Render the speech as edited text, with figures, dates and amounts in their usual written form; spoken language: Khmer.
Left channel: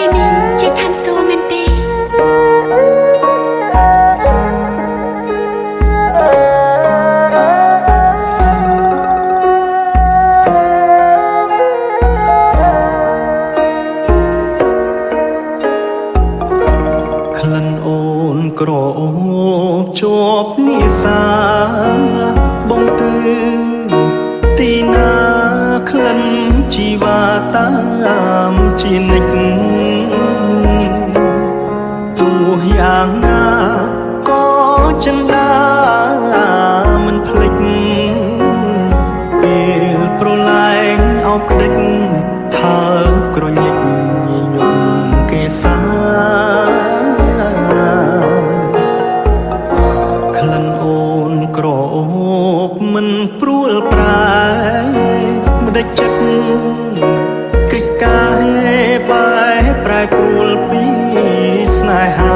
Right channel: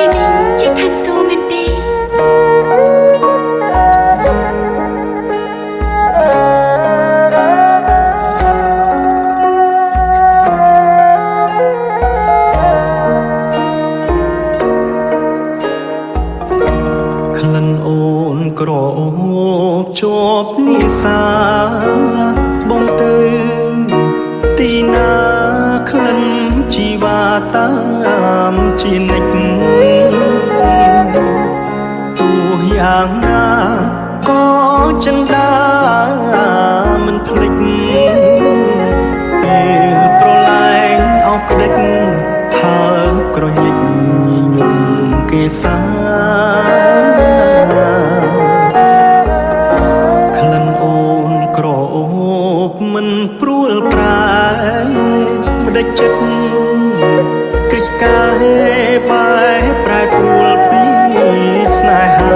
ពេលនេះជាឋានសួគ៌មែនទេក្លិនអូនក្រអូបជាប់និសាបងទៅទីណាក្លិនជីវ៉ាតាមជានិច្ចទោះយ៉ាងណាក៏ចិន្តាមិនភ្លេចពេលប្រឡែងអោបក្តិចថើបក្រញិចញញឹមគេសាក្លិនអូនក្រអូបមិនព្រួលប្រែម្ដេចចិត្តកិច្ចការបែប្រែព្រួលពីស្នេហា